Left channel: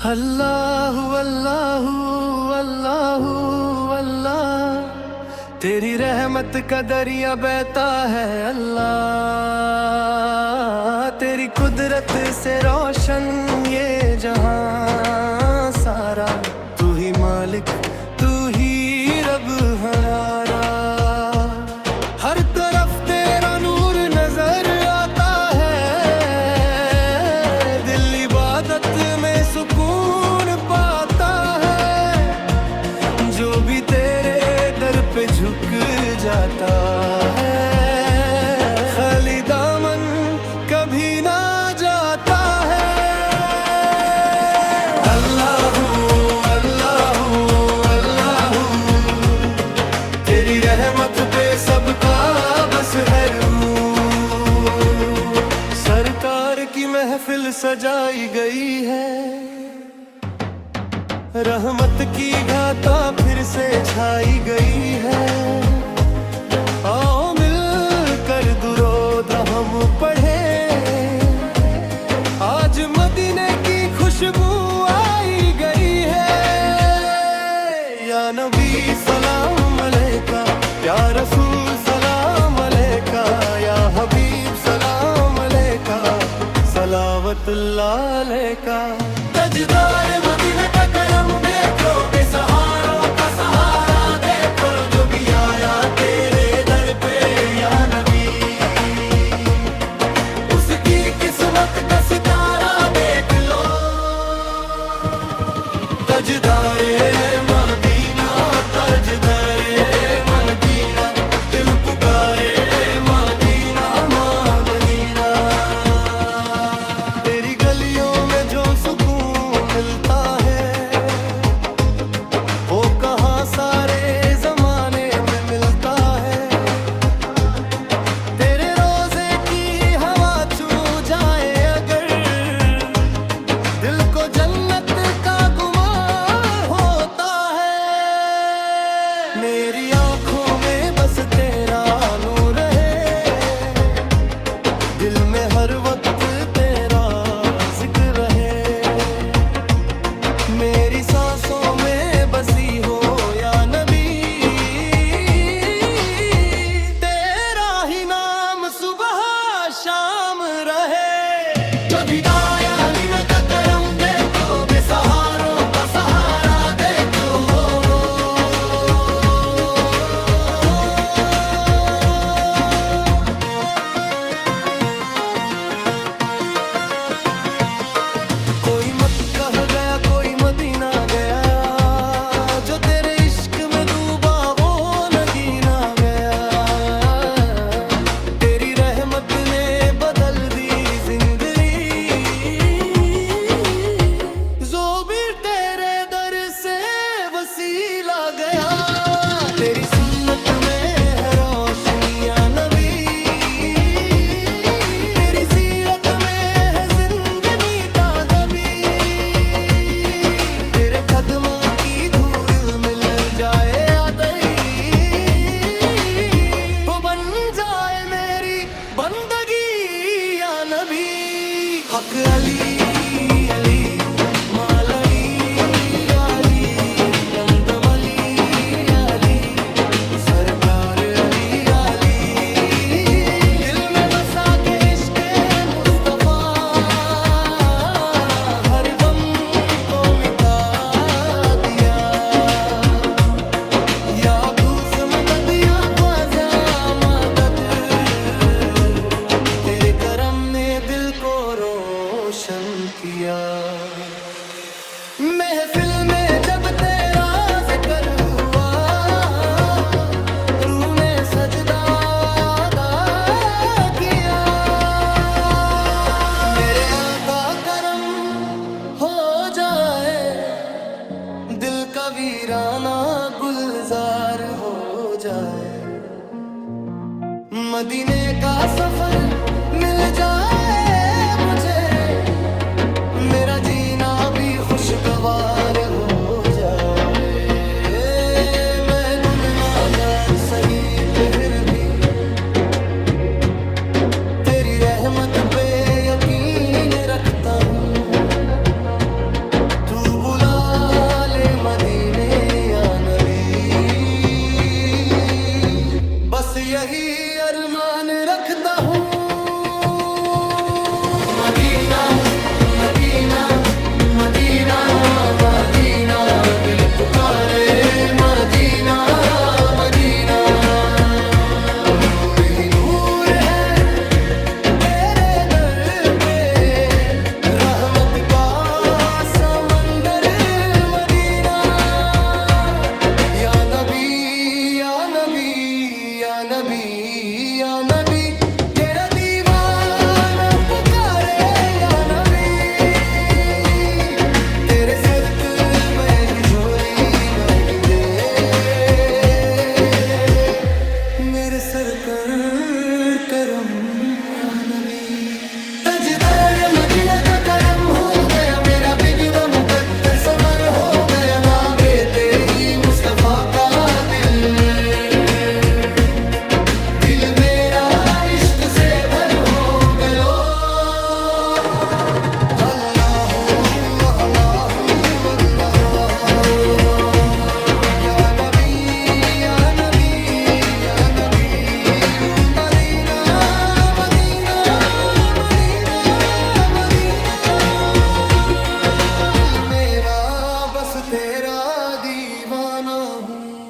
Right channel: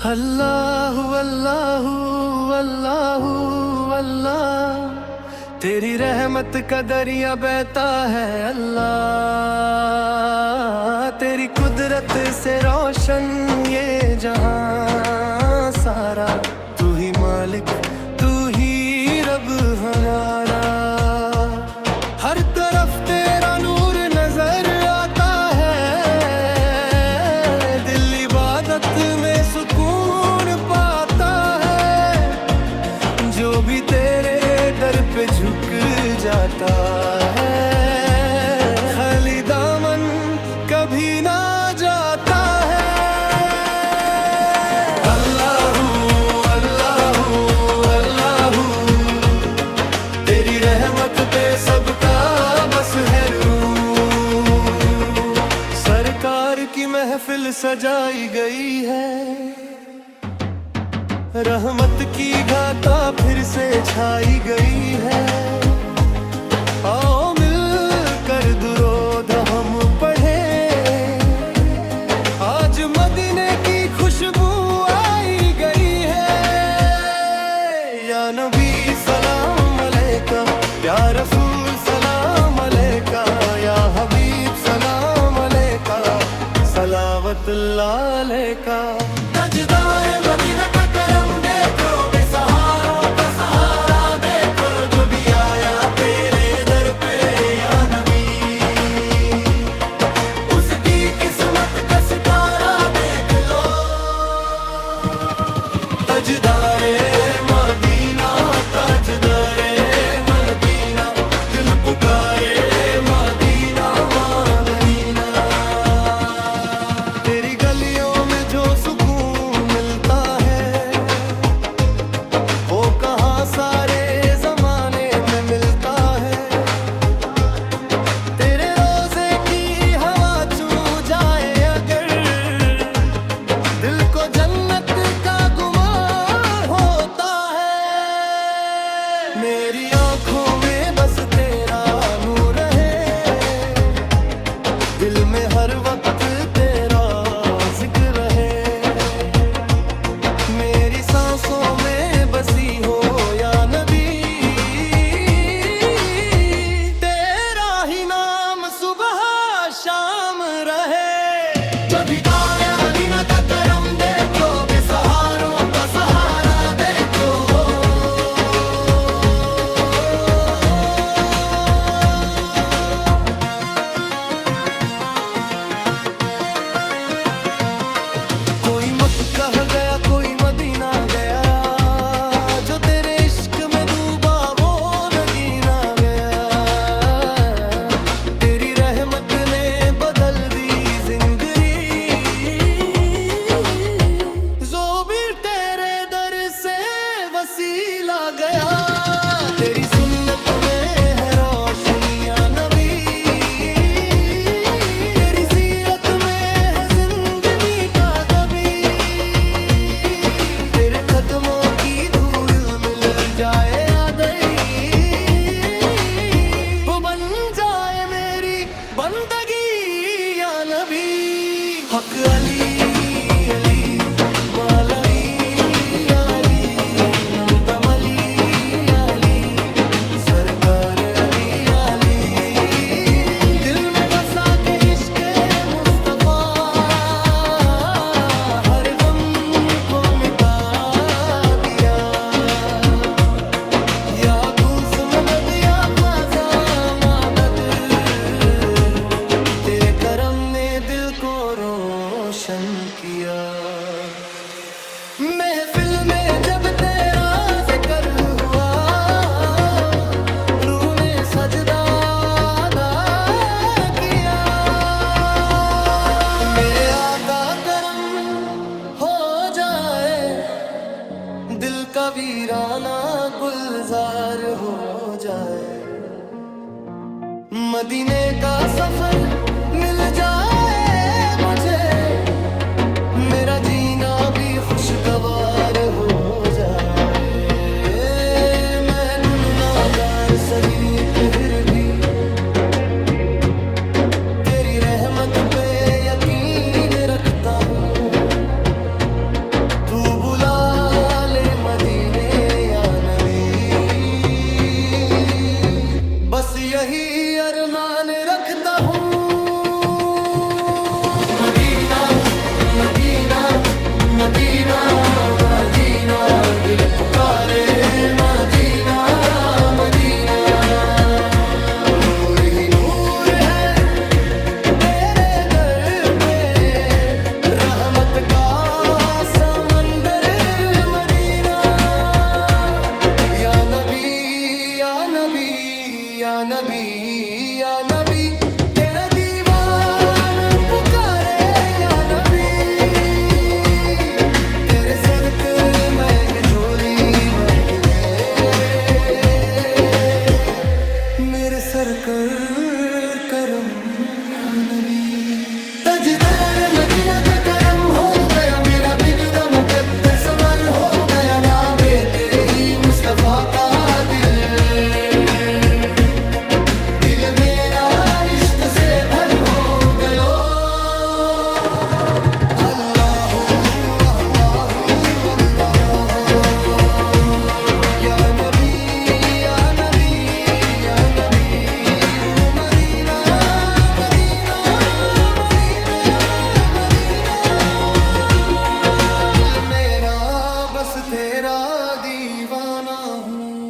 अल्लाह अल्लाह अल्लाह अल्लाह, तेरी रहमत का दरिया बहता है अल्लाह। तेरी कुदरत से रोशन ये जहां सारा, तू ही मालिक तू ही रब हमारा। हर तरफ तेरा नूर नजर आता है, दिल इबादत में सुकून पाता है। जो भी तेरे दर पे झुक जाता है, खाली दामन कभी ना जाता है। अल्लाहू अल्लाहू अल्लाहू, तेरी रहमत पे सबका बस है रू। सरकार की महफिल सजाई गई है, रहमत की गाथा फिर से छाई गई है। आओ मिल कर दुरूद हम पढ़े, आज मदीने की खुशबू आई गई है। या नबी सलाम अलैका, या रसूल सलाम अलैका, या हबीब सलाम अलैका, सलावतुल्लाह अलैका। तजदार मदीना का करम देखो, बेसहारों का सहारा देखो, जो भी आया तेरे दर पे या नबी, उसकी किस्मत का सितारा देख लो। तजदारे मदीना तजदारे मदीना, दिल पुकारे मदीना मदीना। तेरी गलियों में जो सुकून मिलता है, वो कहाँ सारे जमाने में मिलता है। तेरे रोजे की हवा छू जाए अगर, दिल को जन्नत का गुमान होता है। मेरी आंखों में बस तेरा नूर है, दिल में हर वक्त तेरा जिक्र रहे। मेरी सांसों में बसी हो या नबी, तेरा ही नाम सुबह शाम रहे। कभी दाया मीना का करम देखो, बेसहारों का सहारा देखो। कोई मक्का गया कोई मदीना गया, जो तेरे इश्क में डूबा वो नगीना गया। तेरी रहमत ने बदल दी जिंदगी, जो भी तेरे दर से वसीला गया। तेरी सुन्नत में है रोशनी या नबी, तेरी सीरत में है जिंदगी ताज़गी। तेरे कदमों की धूल मिल जाए आदई, वो बन जाए मेरी बंदगी या नबी। हक अली अली मालवी अली, नंदम अली अली, सरकार अली अली। दिल में बसा के इश्क मुस्तफा, हर गम को मिटा दिया। या घूस मदद या ख्वाजा मदद, तेरे करम ने दिल को रोशन किया। महफिल में जब तेरा जिक्र हुआ, रूह ने सजदा अदा किया। मेरे आका करम हो जाए, दिल का वीराना गुलजार हो जाए। मदीने का सफर मिल जाए मुझे, मेरा जीना भी खुशगवार हो जाए। मैं गुनहगार सही फिर भी, तेरी रहमत पे यकीन रखता हूँ। तू यही अरमान रखता हूँ। मदीना मदीना मदीना मदीना, दिल पुकारे मदीना मदीना। नूर ही नूर है तेरे दर पे, रहमत का समंदर मदीना। या नबी या नबी या नबी या नबी, तेरा दीवाना पुकारे या नबी। तेरे सदके में झोली महक दे, मेरे सर कर करम या नबी। तजदर मदीना का करम हो गया, मेरा बिगड़ा मुकद्दर सवार हो गया। नाम है तेरी मुस्तफा का दिल, दिल मेरा इश्क से भर हो गया। अल्लाहू अल्लाहू अल्लाह, या नबी या नबी या नबी। मदीना मदीना मदीना मदीना, दिल मेरा बस तेरा दीवाना हूँ।